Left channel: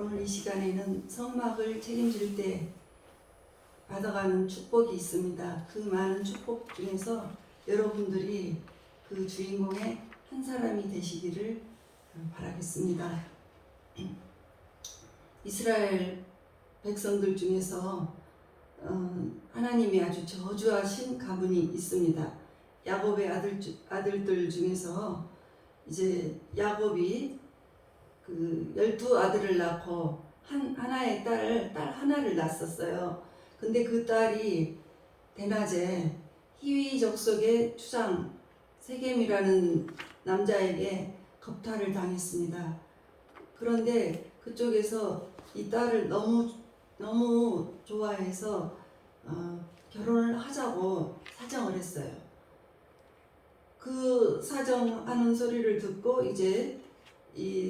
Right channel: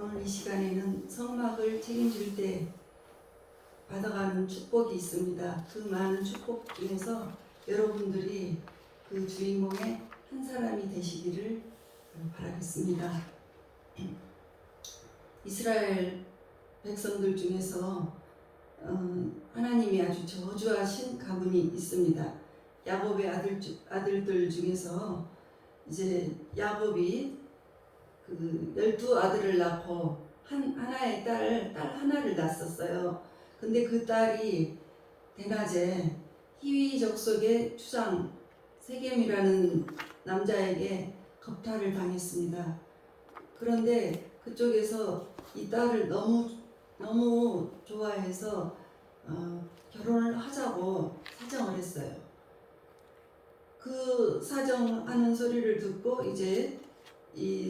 오늘 이 시간에는 성막을 책임질 때 받아가는 축복이 있습니다. 그 많은 축복 중에서 여러분들이 그 주인공의 한 사람이 되시기를 바라겠습니다. 이스라엘 백성들 중에서 하나님이 아주 저주하신 가문이 있습니다. 야곱의 아들들 중에서 이제 야곱이 그 12아들을 낳고 하나의 딸 하나를 낳았었어요. 근데 그 딸이 대낮에 히위 족속의 추장 세겜이라는 남자에게 겁탈을 당했습니다. 그런데 그쪽에서 이 딸을 너무 좋아해서 결혼을 하자고 사정을 했어요. 그 사정하는 소리를 듣고 이제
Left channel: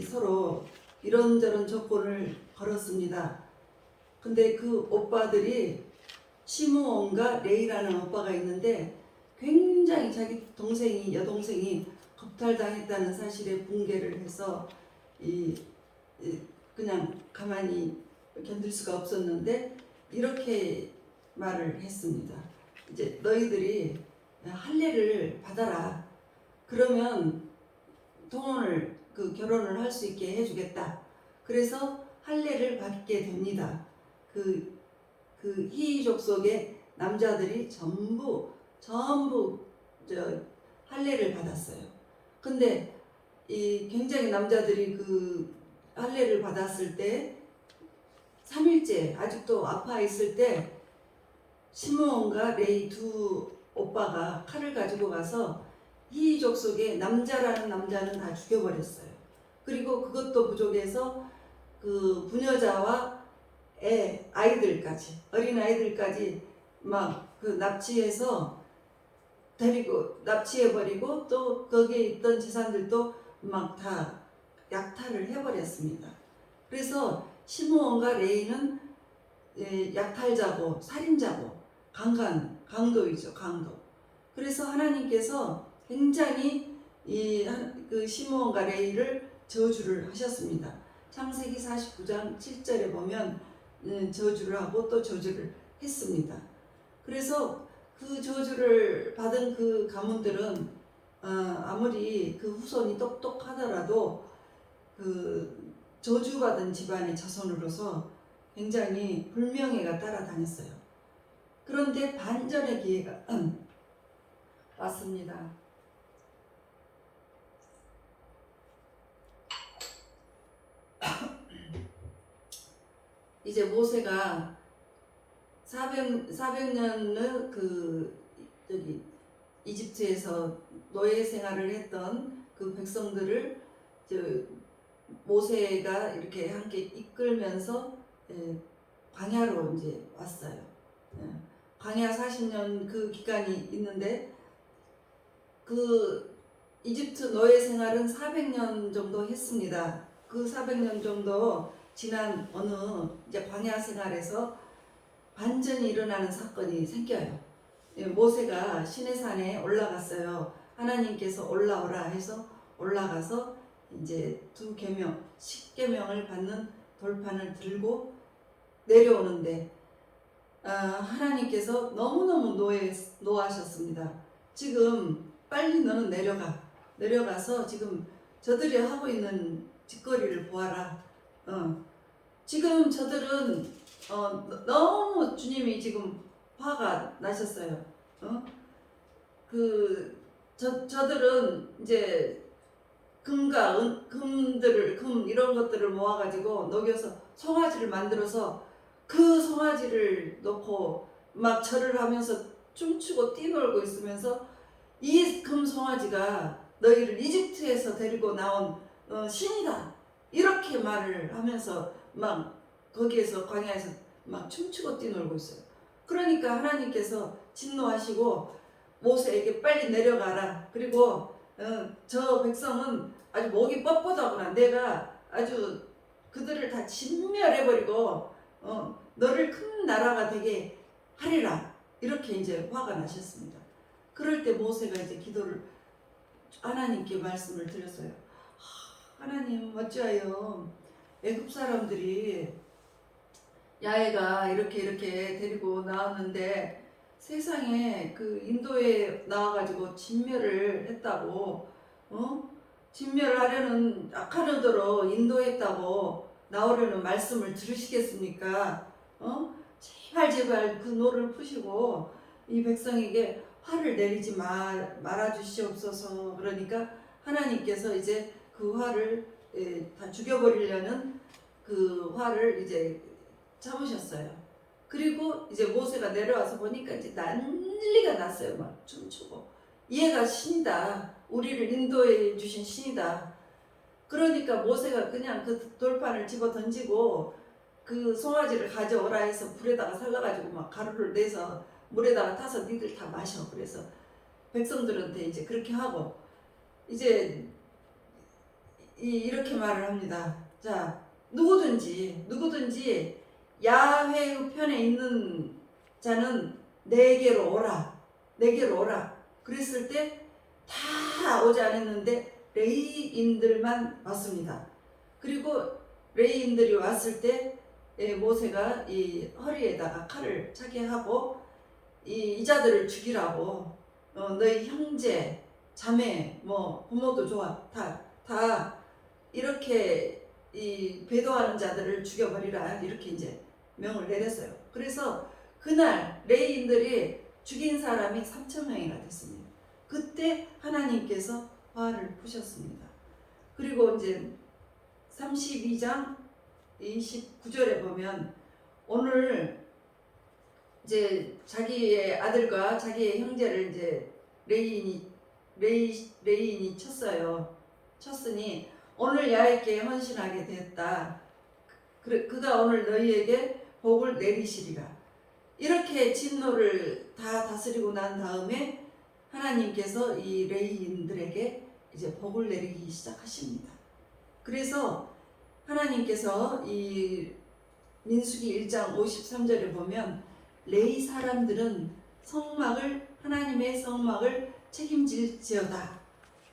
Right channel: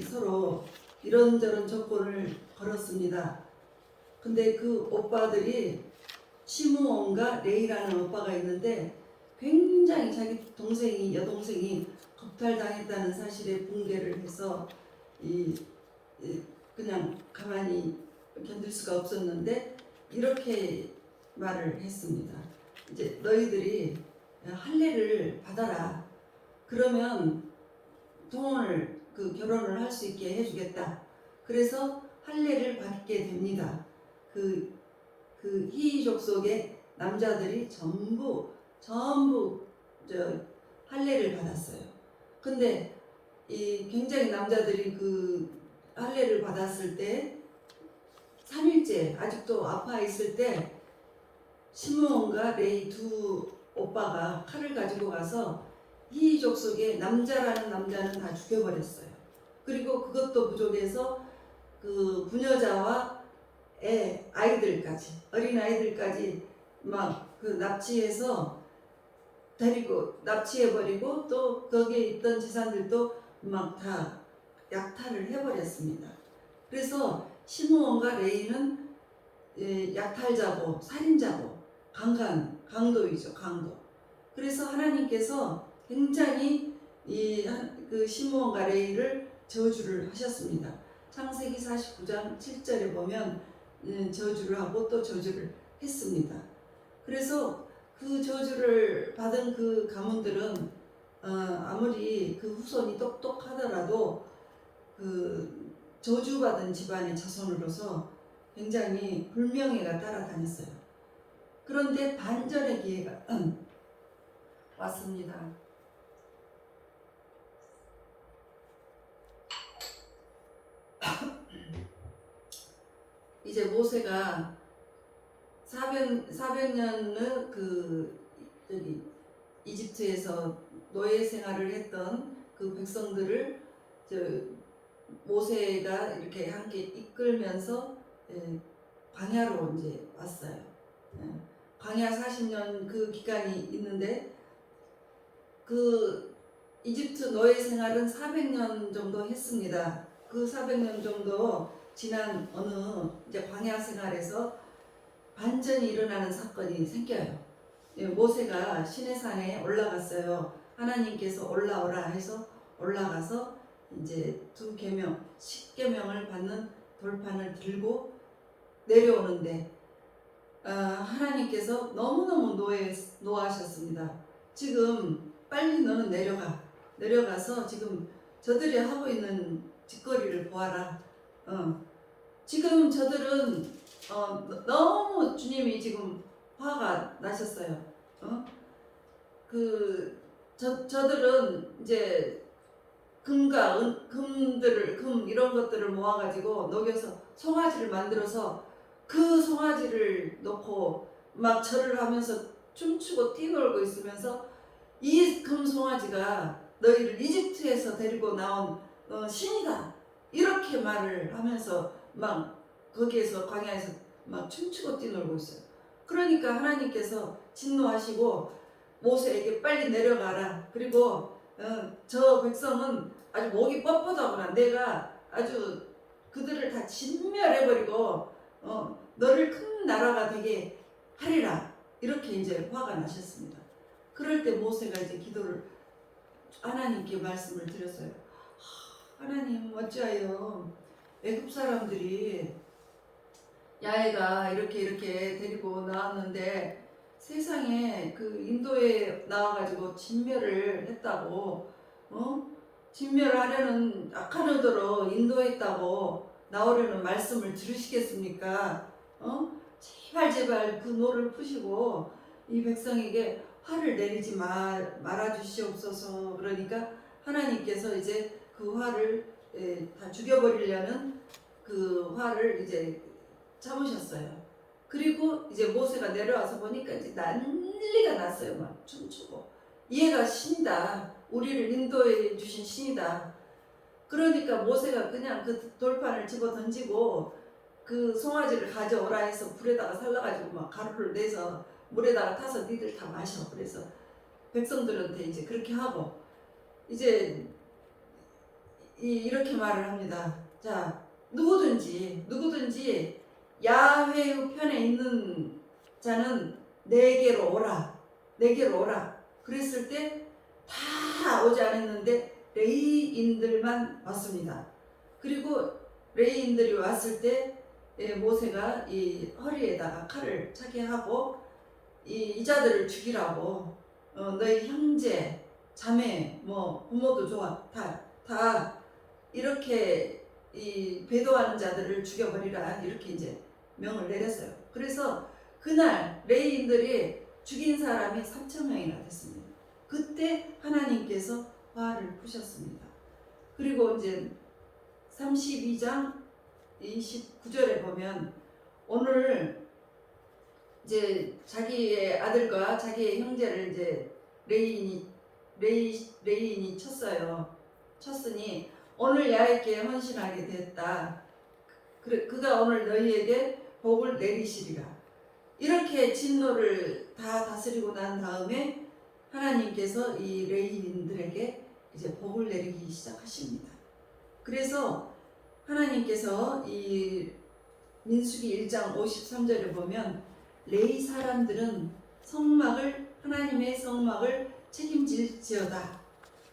서로 이런저런 조건을 걸었습니다. 근데 그 오빠들이 시므온과 레이라는 오빠가 있는데 굉장히 자기 여동생이 겁탈당했다는 사실에 붕괴를 해서 그냥 가만히 견딜 수가 없었는데 이렇게 말을 했습니다. 이제 너희들이 할례를 받아라. 그러면 동혼을 결혼을 할 수 있게 해주겠다. 그래서 할례를 받게 됩니다. 그 히위 족속의 남자들이 전부 할례를 받았어요. 근데 이 굉장히 남자들이 그 할례를 받았을 때 3일째 아직도 아파 있을 때 시므온과 레이 두 오빠가 칼을 가지고 가서 히위 족속의 남자라는 남자는 다 죽여버렸어요. 그리고 그것도 부족해서 그 부녀자와 어린 아이들까지 막 그 납치해버리고 또 거기에 있던 재산들도 막 다 약탈을 해버렸습니다. 그래서 시므온과 레이는 약탈자고 살인자고 강도이죠. 강도. 그래서 하나님께서 굉장히 그 시므온과 레이를 저주를 하셨습니다. 창세기 49장 7절에 보면 저주를 하고 또 저주를 했습니다. 그래서 그 저주를 받은 그 가문들은 아무리 그 후손이 똑똑하더라도 그 저주받은 집안의 자손으로서 굉장히 불명예가 따라다녔어요. 그런데 반전의 기회가 왔습니다. 이제 모세가 400년을 이집트에서 노예 생활을 했던 그 백성들을 모세가 이렇게 함께 이끌면서 광야로 이제 왔어요. 광야 40년 그 기간이 있는데 그 이집트 노예 생활은 400년 정도 했습니다. 그 400년 정도 지난 어느 이제 광야 생활에서 반전이 일어나는 사건이 생겨요. 모세가 시내산에 올라갔어요. 하나님께서 올라오라 해서 올라가서 이제 10계명을 받는 돌판을 들고 내려오는데 하나님께서 너무너무 노하셨습니다. 지금 빨리 너는 내려가서 지금 저들이 하고 있는 짓거리를 보아라. 지금 저들은 너무 주님이 지금 화가 나셨어요. 저들은 이제 금 이런 것들을 모아가지고 녹여서 송아지를 만들어서 그 송아지를 놓고 막 절을 하면서 춤추고 뛰놀고 있으면서 이 금 송아지가 너희를 이집트에서 데리고 나온 신이다. 이렇게 말을 하면서 막 거기에서 광야에서 막 춤추고 뛰놀고 있어요. 그러니까 하나님께서 진노하시고 모세에게 빨리 내려가라. 그리고 저 백성은 아주 목이 뻣뻣하구나. 내가 아주 그들을 다 진멸해버리고 너를 큰 나라가 되게 하리라. 이렇게 이제 화가 나셨습니다. 그럴 때 모세가 이제 기도를 하나님께 말씀을 드렸어요. 하나님 어찌하여 애굽 사람들이 야훼가 이렇게 데리고 나왔는데 세상에 그 인도에 나와가지고 진멸을 했다고, 진멸을 하려는 악한 의도로 인도했다고 나오려는 말씀을 들으시겠습니까? 제발 그 노를 푸시고 이 백성에게 화를 내리지 말아 주시옵소서. 그러니까 하나님께서 이제 그 화를 다 죽여버리려는 그 화를 이제 참으셨어요. 그리고 이제 모세가 내려와서 보니까 이제 난리가 났어요. 막 춤추고. 얘가 신이다. 우리를 인도해 주신 신이다. 그러니까 모세가 그냥 그 돌판을 집어 던지고 그 송아지를 가져오라 해서 불에다가 살라가지고 막 가루를 내서 물에다가 타서 니들 다 마셔. 그래서 백성들한테 이제 그렇게 하고 이제 이렇게 말을 합니다. 자, 누구든지 야훼 편에 있는 자는 내게로 오라. 내게로 오라. 그랬을 때 다 오지 않았는데 레위인들만 왔습니다. 그리고 레위인들이 왔을 때 모세가 이 허리에다가 칼을 차게 하고 이 자들을 죽이라고, 너희 형제, 자매, 뭐 부모도 좋아, 다 이렇게 이 배도하는 자들을 죽여버리라, 이렇게 이제 명을 내렸어요. 그래서 그날 레위인들이 죽인 사람이 3,000명이나 됐습니다. 그때 하나님께서 화를 푸셨습니다. 그리고 이제 32장 29절에 보면 오늘 이제 자기의 아들과 자기의 형제를 이제 레위인이 쳤어요. 쳤으니 오늘 야훼께 헌신하게 되었다. 그가 오늘 너희에게 복을 내리시리라. 이렇게 진노를 다 다스리고 난 다음에 하나님께서 이 레위인들에게 이제 복을 내리기 시작하십니다. 그래서 하나님께서 이 민수기 1장 53절에 보면 레위 사람들은 하나님의 성막을 책임질지어다.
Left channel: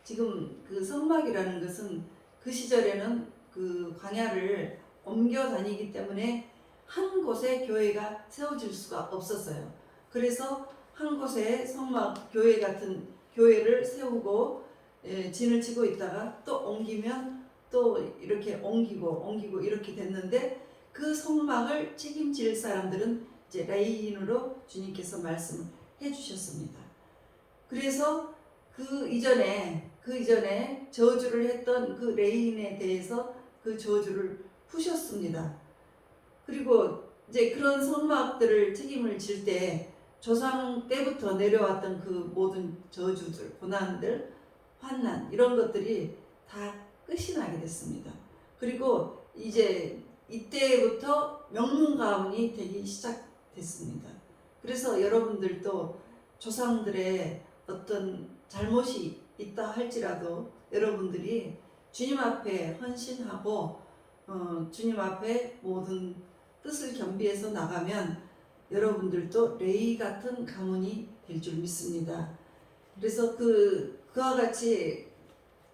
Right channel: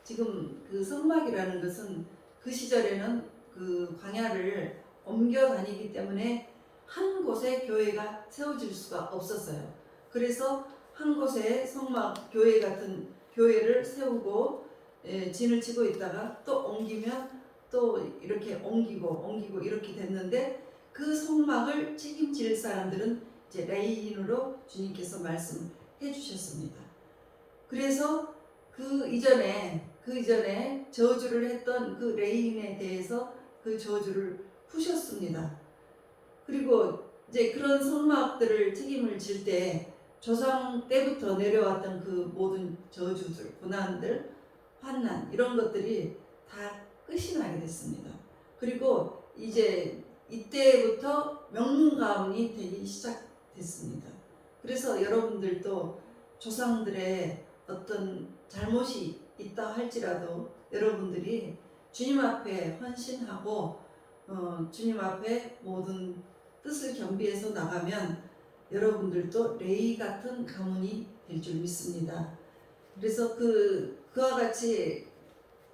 지금 그 성막이라는 것은 그 시절에는 그 광야를 옮겨 다니기 때문에 한 곳에 교회가 세워질 수가 없었어요. 그래서 한 곳에 성막 교회 같은 교회를 세우고 진을 치고 있다가 또 옮기면 또 이렇게 옮기고 이렇게 됐는데 그 성막을 책임질 사람들은 이제 레위인으로 주님께서 말씀을 해주셨습니다. 그래서 그 이전에 저주를 했던 그 레위인에 대해서 그 저주를 푸셨습니다. 그리고 이제 그런 성막들을 책임을 질 때 조상 때부터 내려왔던 그 모든 저주들, 고난들, 환난 이런 것들이 다 끝이 나게 됐습니다. 그리고 이제 이때부터 명문가문이 되기 시작됐습니다. 그래서 여러분들도 조상들의 어떤 잘못이 있다 할지라도 여러분들이 주님 앞에 헌신하고 주님 앞에 모든 뜻을 겸비해서 나가면 여러분들도 레위 같은 가문이 될 줄 믿습니다. 그래서 그와 같이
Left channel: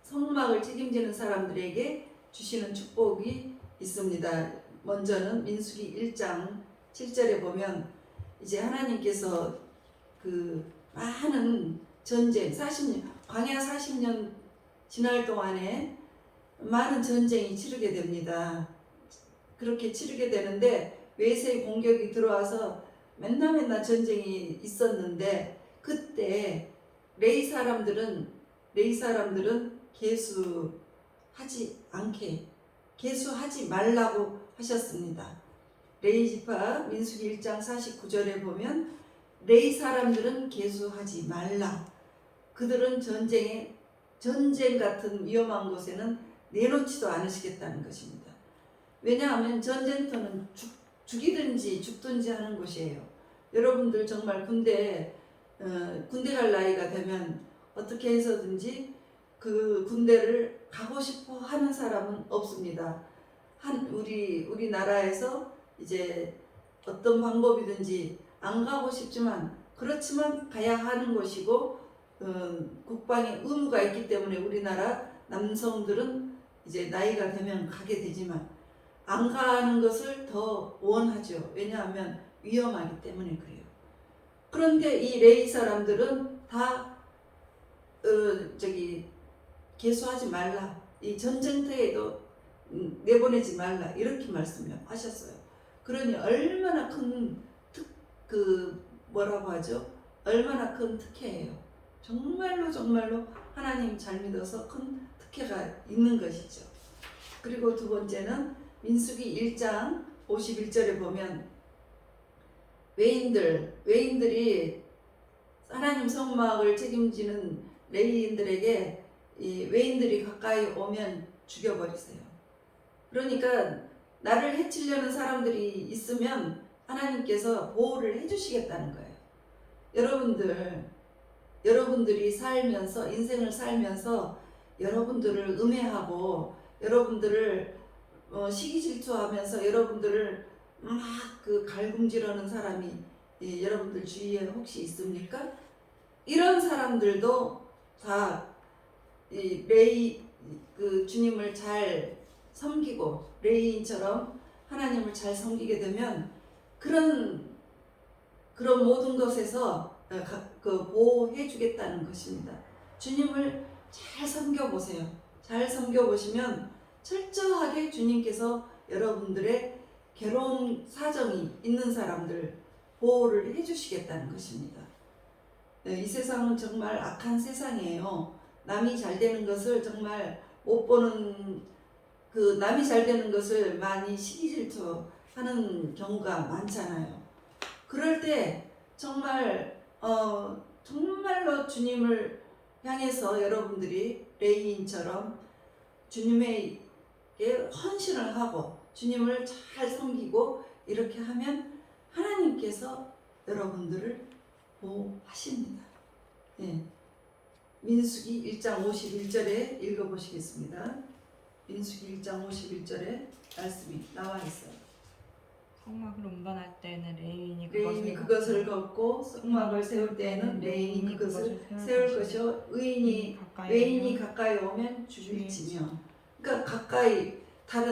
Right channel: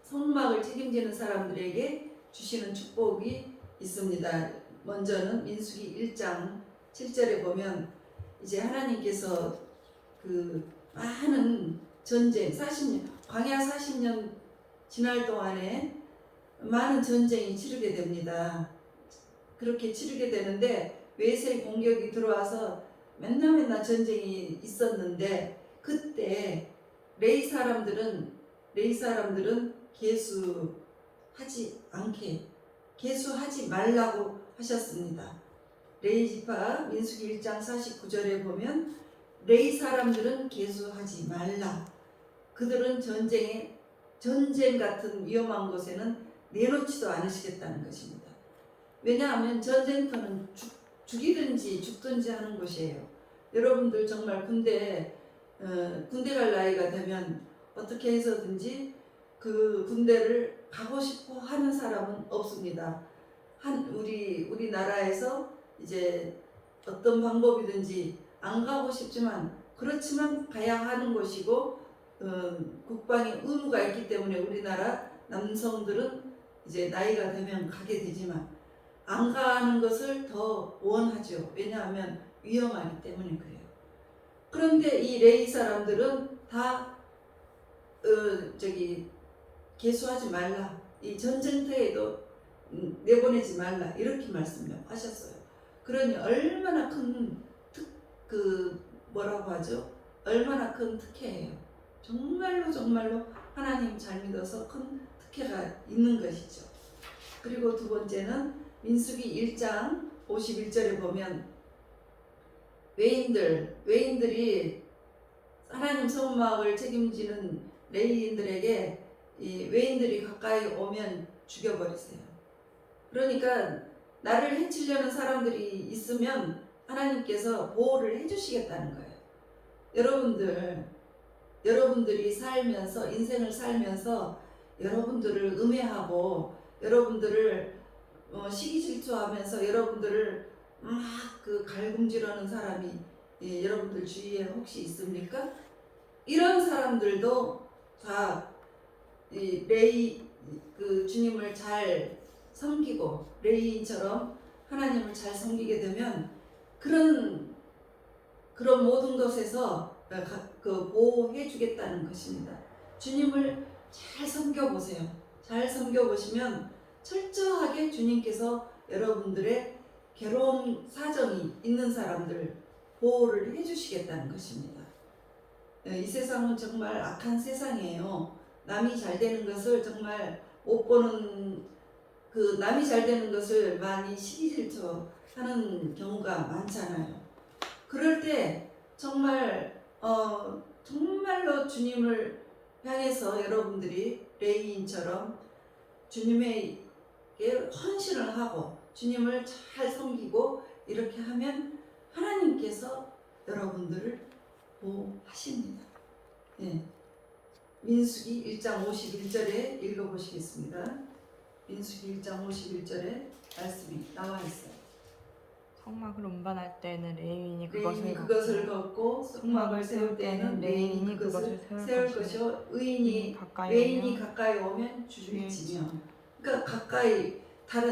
성막을 책임지는 사람들에게 주시는 축복이 있습니다. 먼저는 민수기 1장 7절에 보면 이제 하나님께서 그 많은 전쟁 40년 광야 40년 지날 동안에 많은 전쟁이 치르게 됩니다. 그렇게 치르게 되는데 외세의 공격이 들어와서 맨날 전쟁이 있었는데 그때 레위 사람들은 계수하지 말라고 하셨습니다. 레위 지파 민수기 1장 49절에 보면 레위 사람들은 계수하지 말라. 그들은 전쟁 같은 위험한 곳에는 내놓지도 않으시겠다는 것입니다. 왜냐하면 전쟁터는 죽이든지 죽든지 하는 곳이에요. 여러분들 정말 군대 갈 나이가 되면 어떻게 해서든지 그 군대를 가고 싶어 하는 사람은 없습니다. 우리나라에서 이제 어떤 방법이든지 안 가고 싶지만 그렇지만 가야 하는 곳이고 국방의 의무가 있기 때문에 우리나라 남성들은 이제 나이가 되면 가게 되지만 안 가는 것을 더 원하죠. 왜냐하면 위험하기 때문에 그래요. 그런데 이 레위 사람들은 다 개수하지 말라. 이 전쟁터에도 내보내지 말라. 이렇게 말씀하셨어요. 그러니 얼마나 뭐라고 하죠? 얼마나 큰 특혜예요. 정말로 하나님 잘 믿어서 큰 특혜가 있는 것이죠. 그리고 두 번째는 민수기 1장 51절에 보면 외인들이 하나님 성막을 책임지는 레위인들에게 이 외인들이 가까이 오면 죽여버리세요. 그러니까 나를 해치려는 사람들이 있으면 하나님께서 보호를 해주시겠다는 거예요. 여러분들이 살면서 인생을 살면서 여러분들을 음해하고 여러분들을 시기 질투하면서 여러분들을 막 갈굼질하는 사람이 여러분들 주위에 혹시 있습니까? 이런 사람들도 다 주님을 잘 섬기고 레위인처럼 하나님을 잘 섬기게 되면 그런 모든 것에서 보호해 주겠다는 것입니다. 주님을 잘 섬겨보세요. 잘 섬겨보시면 철저하게 주님께서 여러분들의 괴로운 사정이 있는 사람들 보호를 해주시겠다는 것입니다. 이 세상은 정말 악한 세상이에요. 남이 잘 되는 것을 정말 못 보는 남이 잘 되는 것을 많이 시기질투하는 경우가 많잖아요. 그럴 때 정말로 주님을 향해서 여러분들이 레위인처럼 주님에게 헌신을 하고 주님을 잘 섬기고 이렇게 하면 하나님께서 여러분들을 보호하십니다. 네. 민수기 1장 51절에 읽어보시겠습니다. 민수기 1장 51절에 말씀이 나와 있어요. 성막을 운반할 때에는 레위인이 그것을 걷고 성막을 세울 때에는 레위인이 그것을 세울 것이요 외인이 가까이 오면 죽일지며. 그러니까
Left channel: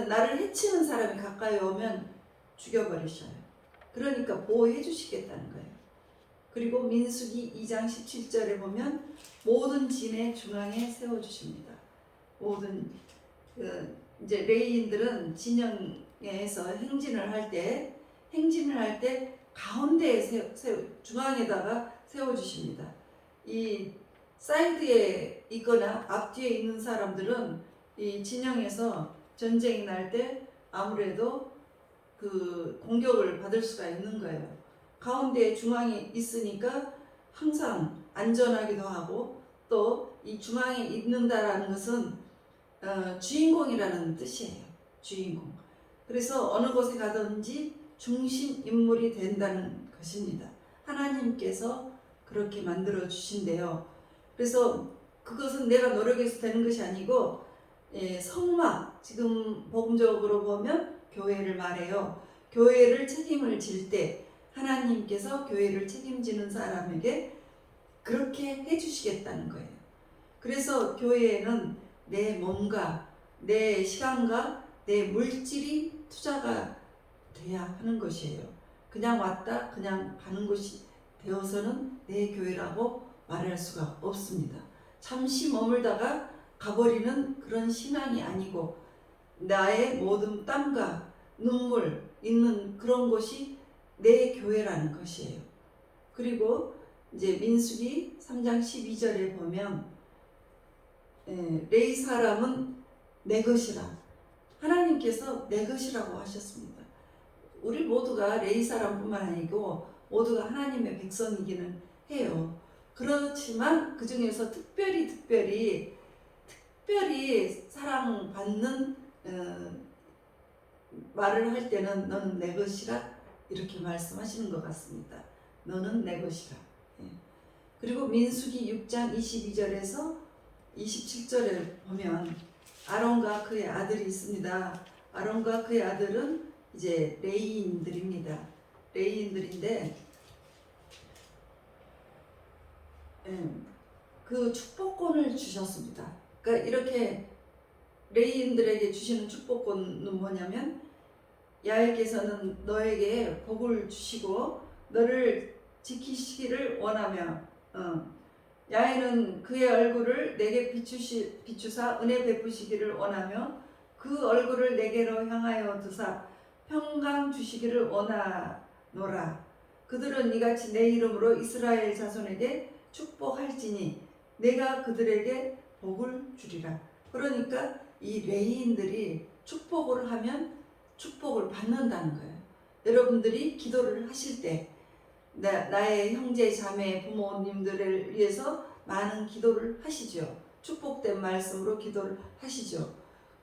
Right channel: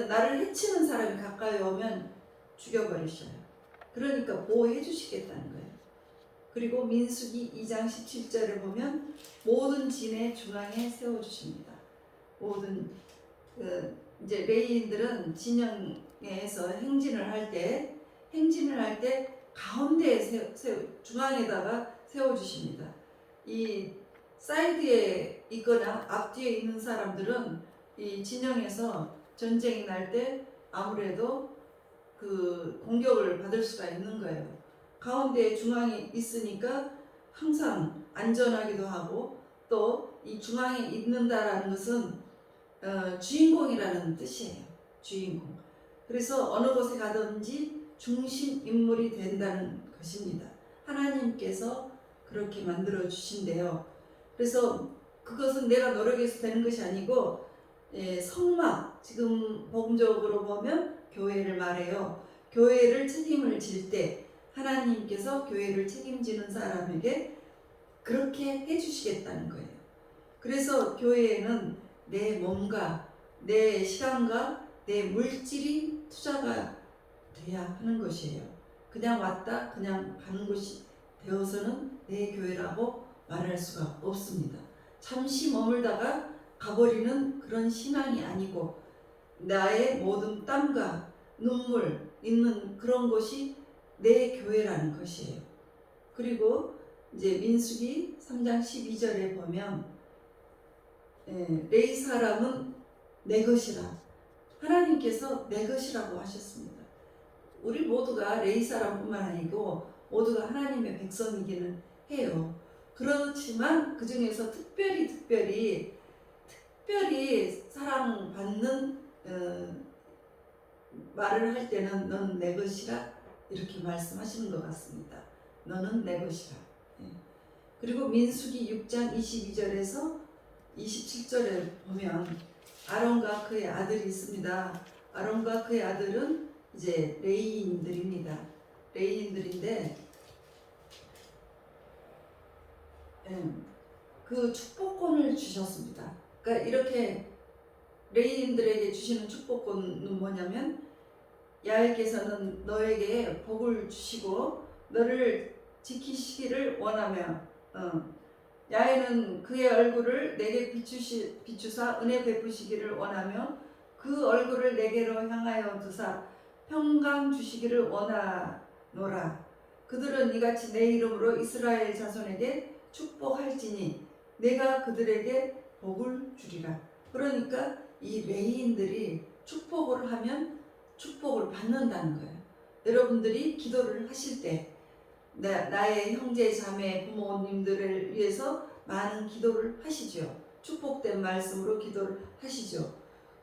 나를 해치는 사람이 가까이 오면 죽여버리셔요. 그러니까 보호해 주시겠다는 거예요. 그리고 민수기 2장 17절에 보면 모든 진의 중앙에 세워주십니다. 모든 이제 레위인들은 진영에서 행진을 할 때 가운데에 중앙에다가 세워주십니다. 이 사이드에 있거나 앞뒤에 있는 사람들은 이 진영에서 전쟁이 날 때 아무래도 공격을 받을 수가 있는 거예요. 가운데 중앙에 있으니까 항상 안전하기도 하고 또 이 중앙에 있는다라는 것은 주인공이라는 뜻이에요. 주인공. 그래서 어느 곳에 가든지 중심 인물이 된다는 것입니다. 하나님께서 그렇게 만들어 주신대요. 그래서 그것은 내가 노력해서 되는 것이 아니고 성막, 지금 복음적으로 보면 교회를 말해요. 교회를 책임을 질 때 하나님께서 교회를 책임지는 사람에게 그렇게 해주시겠다는 거예요. 그래서 교회에는 내 몸과 내 시간과 내 물질이 투자가 돼야 하는 것이에요. 그냥 왔다 그냥 가는 것이 되어서는 내 교회라고 말할 수가 없습니다. 잠시 머물다가 가버리는 그런 신앙이 아니고 나의 모든 땀과 눈물 있는 그런 곳이 내 교회라는 것이에요. 그리고 이제 민수기 3장 12절에 보면 레위 사람은 내 것이라, 하나님께서 내 것이라고 하셨습니다. 우리 모두가 레위 사람뿐만 아니고 모두가 하나님의 백성이기는 해요. 그렇지만 그 중에서 특별히 사랑받는 말을 할 때는 너는 내 것이라 이렇게 말씀하시는 것 같습니다. 너는 내 것이라. 그리고 민수기 6장 22절에서 27절에 보면 아론과 그의 아들이 있습니다. 아론과 그의 아들은 이제 레위인들입니다. 레위인들인데 그 축복권을 주셨습니다. 그러니까 이렇게 레위인들에게 주시는 축복권은 뭐냐면 야훼께서는 너에게 복을 주시고 너를 지키시기를 원하며 야훼는 그의 얼굴을 내게 비추사 은혜 베푸시기를 원하며 그 얼굴을 내게로 향하여 두사 평강 주시기를 원하노라. 그들은 이같이 내 이름으로 이스라엘 자손에게 축복할지니 내가 그들에게 복을 주리라. 그러니까 이 레위인들이 축복을 하면 축복을 받는다는 거예요. 여러분들이 기도를 하실 때 나의 형제 자매 부모님들을 위해서 많은 기도를 하시죠. 축복된 말씀으로 기도를 하시죠.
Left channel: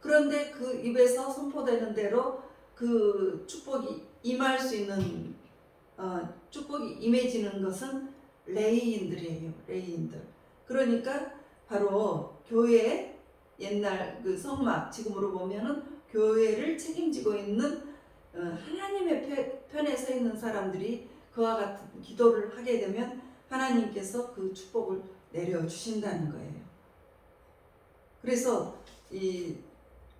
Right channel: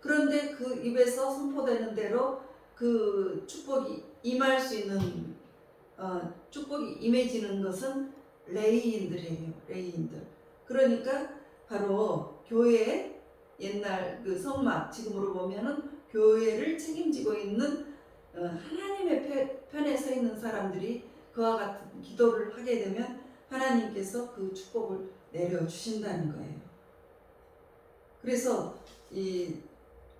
그런데 그 입에서 선포되는 대로 그 축복이 임할 수 있는 축복이 임해지는 것은 레위인들이에요. 레위인들. 그러니까 바로 교회 옛날 그 성막 지금으로 보면은 교회를 책임지고 있는 하나님의 편에 서 있는 사람들이 그와 같은 기도를 하게 되면 하나님께서 그 축복을 내려 주신다는 거예요. 그래서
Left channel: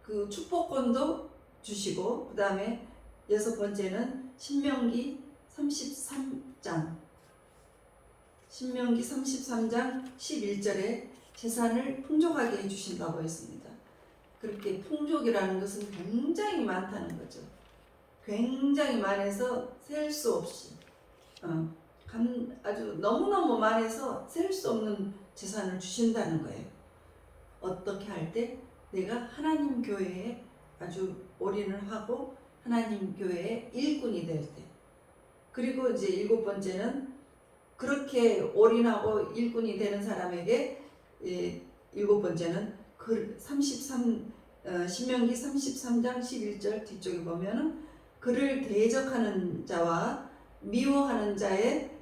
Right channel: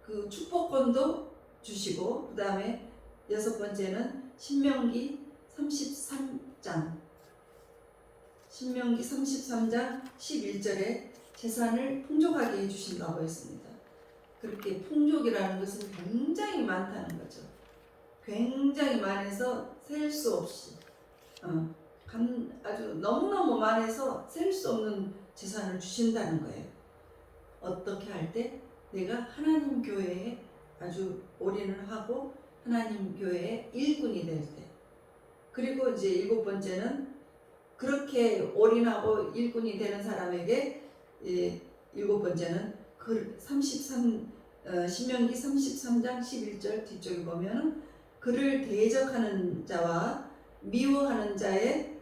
그 축복권도 주시고 그 다음에 6번째는 신명기 33장 11절에 재산을 풍족하게 해주신다고 했습니다. 그렇게 풍족이라는 것은 굉장히 많다는 거죠. 굉장히 많아서 셀 수 없이 아주 너무너무 많아서 셀 수 없는 재산을 주신다는 거예요. 어떻게 할 때? 내가 하나님 교회에 아주 올인을 하고 하나님 교회의 일꾼이 될 때. 그리고 이제 7번째는 그렇게 올인하고 일꾼이 되는 사람에게 7번째는 신명기 33장 11절 뒤쪽에 보면은 그를 대적하는 자와 미워하는 자의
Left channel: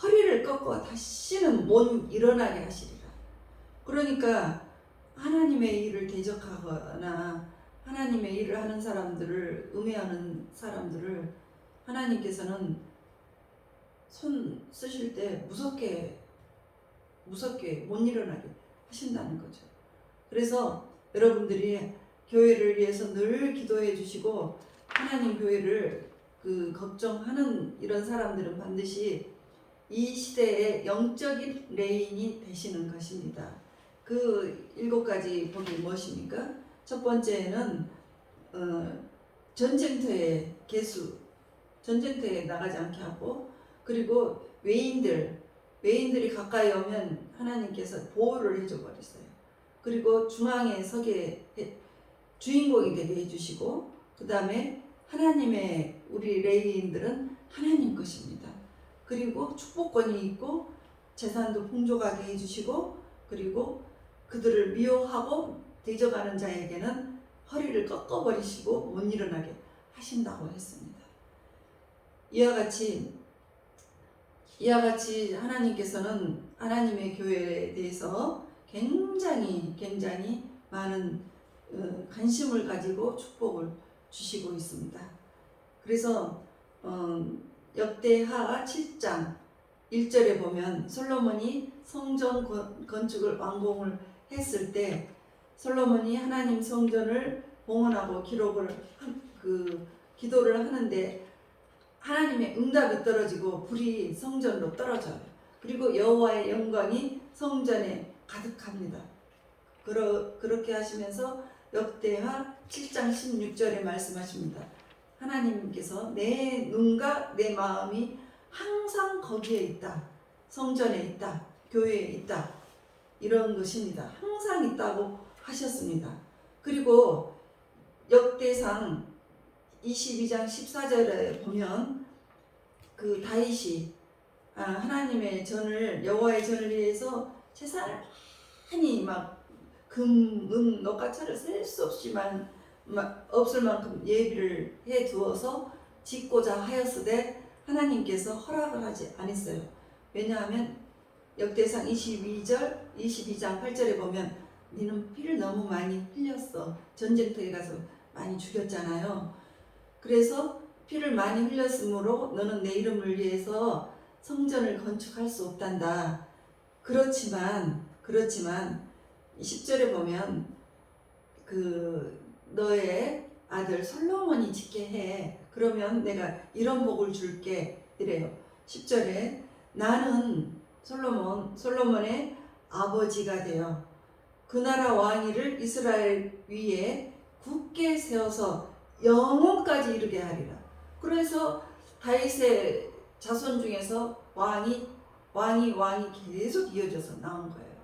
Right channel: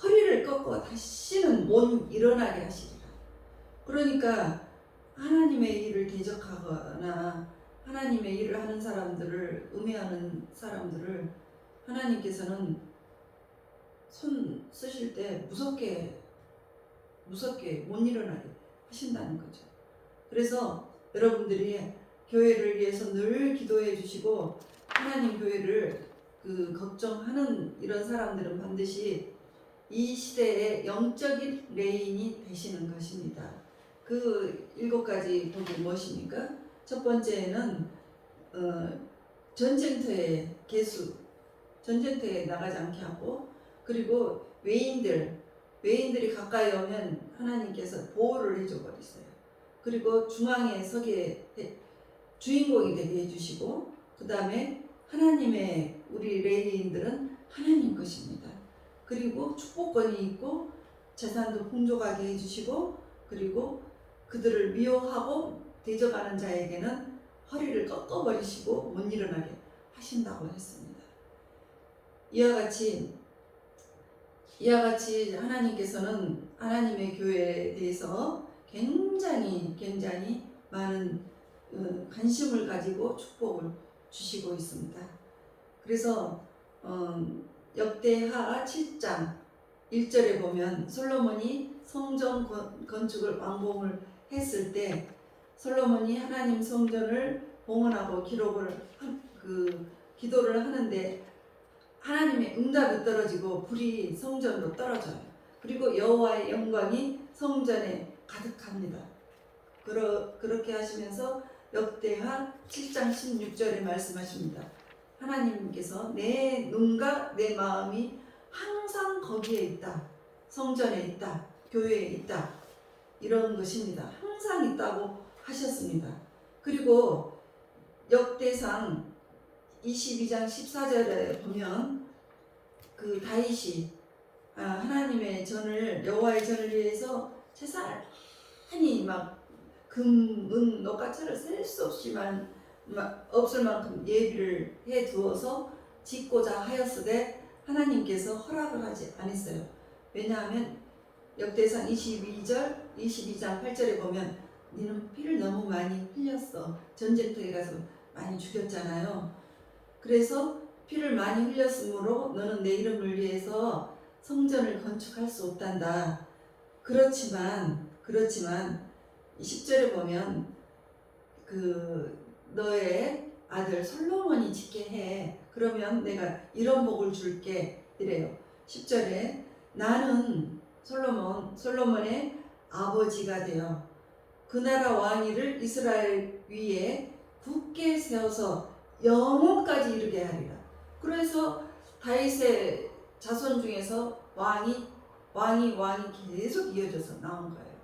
허리를 꺾어 다시는 못 일어나게 하시리라. 그러니까 하나님의 일을 대적하거나 하나님의 일을 하는 사람들을 음해하는 사람들을 하나님께서는 손 쓰실 때 무섭게 못 일어나게 하신다는 거죠. 그래서 여러분들이 교회를 위해서 늘 기도해 주시고 하나님 교회를 걱정하는 이런 사람들은 반드시 이 시대의 영적인 레인이 되시는 것입니다. 그 7가지 복이 무엇입니까? 첫 번째는 전쟁터에 나가지 않게 하고, 그리고 외인들이 가까이 오면 하나님께서 보호를 해줘 버리세요. 그리고 중앙에 서게 주인공이 되게 해주시고, 그 다음에 하나님의 우리 레위인들은 하나님 것입니다. 그리고 축복권이 있고 재산도 풍족하게 해주시고, 그리고 그들을 미워하고 대적하는 자에게는 허리를 꺾어버리시고 못 일어나게 하신다고 했습니다. 이와 같이 하나님께서는 하나님의 교회에 대해서 굉장히 많은 관심을 가지고 축복을 주시고 있습니다. 그래서 역대하 7장 1절에 보면 솔로몬이 성전 건축을 완공을 했을 때 솔로몬이 하나님 성전을 봉헌하고 기도를 하는데 하나님의 응답이 떨어지고 불이 성전으로 떨어져요. 그리고 여호와의 영광이 성전에 가득합니다. 그렇게 하시면서 역대하 7장 16절에 말씀하십니다. 하나님께서 내 눈과 내 마음이 항상 거기에 있다. 성전에 있다. 교회에 있다. 이런 것입니다. 항상 있다고 하셨습니다. 그리고 역대상 22장 14절에 보면 그 다윗이 하나님의 전을 여호와의 전을 위해서 재산을 많이 막 금, 은, 녹과철을 셀 수 없이만 없을 만큼 예비를 해 두어서 짓고자 하였으되 하나님께서 허락을 하지 않았어요. 왜냐하면 역대상 22장 8절에 보면 너는 피를 너무 많이 흘렸어. 전쟁터에 가서 많이 죽였잖아요. 그래서 피를 많이 흘렸으므로 너는 내 이름을 위해서 성전을 건축할 수 없단다. 그렇지만 10절에 보면 너의 아들 솔로몬이 짓게 해. 그러면 내가 이런 복을 줄게. 이래요. 10절에 나는 솔로몬의 아버지가 되어 그 나라 왕위를 이스라엘 위에 굳게 세워서 영원까지 이르게 하리라. 그래서 다윗의 자손 중에서 왕이 계속 이어져서 나온 거예요.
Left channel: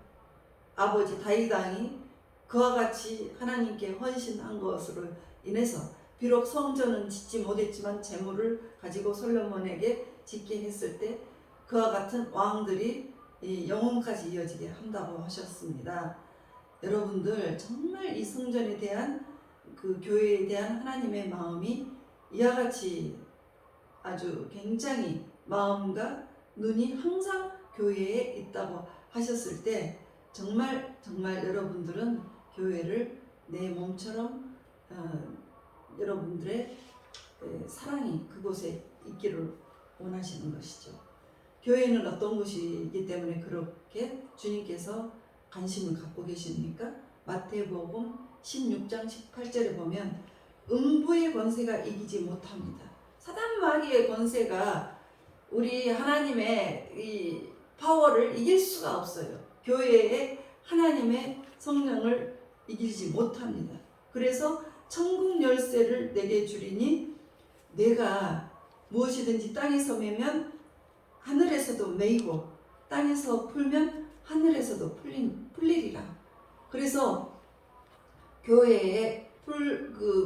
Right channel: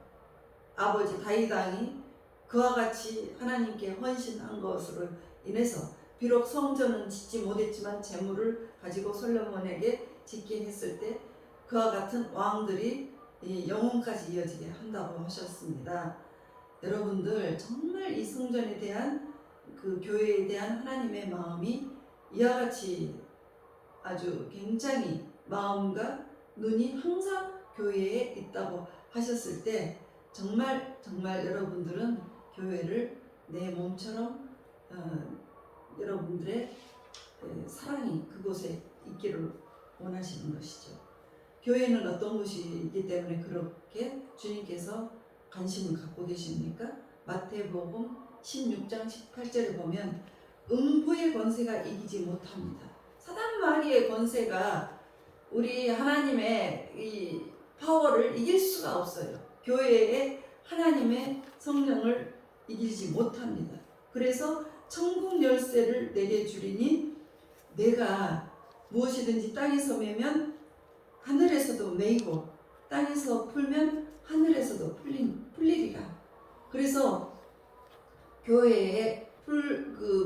아버지 다윗 왕이 그와 같이 하나님께 헌신한 것으로 인해서 비록 성전은 짓지 못했지만 재물을 가지고 솔로몬에게 짓게 했을 때 그와 같은 왕들이 영원까지 이어지게 한다고 하셨습니다. 여러분들 정말 이 성전에 대한 그 교회에 대한 하나님의 마음이 이와 같이 아주 굉장히 마음과 눈이 항상 교회에 있다고 하셨을 때 정말 여러분들은 교회를 내 몸처럼 여러분들의 사랑이 그곳에 있기를 원하시는 것이죠. 교회는 어떤 것이기 때문에 그렇게 주님께서 관심을 갖고 계십니까? 마태복음 16장 18절에 보면 음부의 권세가 이기지 못합니다. 사단 마귀의 권세가 우리 하나님의 이 파워를 이길 수가 없어요. 교회에 하나님의 성령을 이기지 못합니다. 그래서 천국 열쇠를 내게 주리니 내가 무엇이든지 땅에서 매면 하늘에서도 매이고 땅에서 풀면 하늘에서도 풀리리라. 그래서 교회에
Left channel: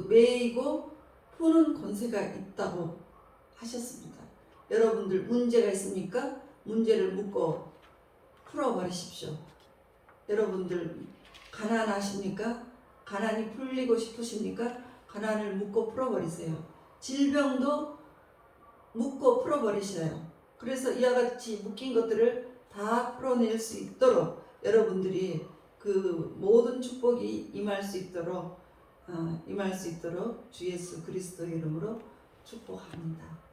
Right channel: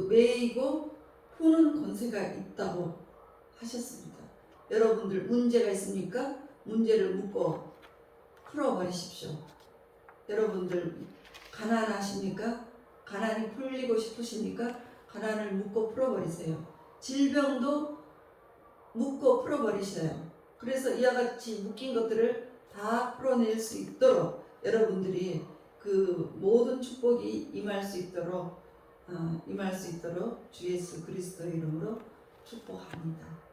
매이고 푸는 권세가 있다고 하셨습니다. 여러분들 문제가 있습니까? 문제를 묻고 풀어버리십시오. 여러분들 가난하십니까? 가난이 풀리고 싶으십니까? 가난을 묻고 풀어버리세요. 질병도 묻고 풀어버리셔요. 그래서 이와 같이 묶인 것들을 다 풀어낼 수 있도록 여러분들이 그 모든 축복이 임할 수 있도록 주 예수 그리스도의 이름으로 축복합니다.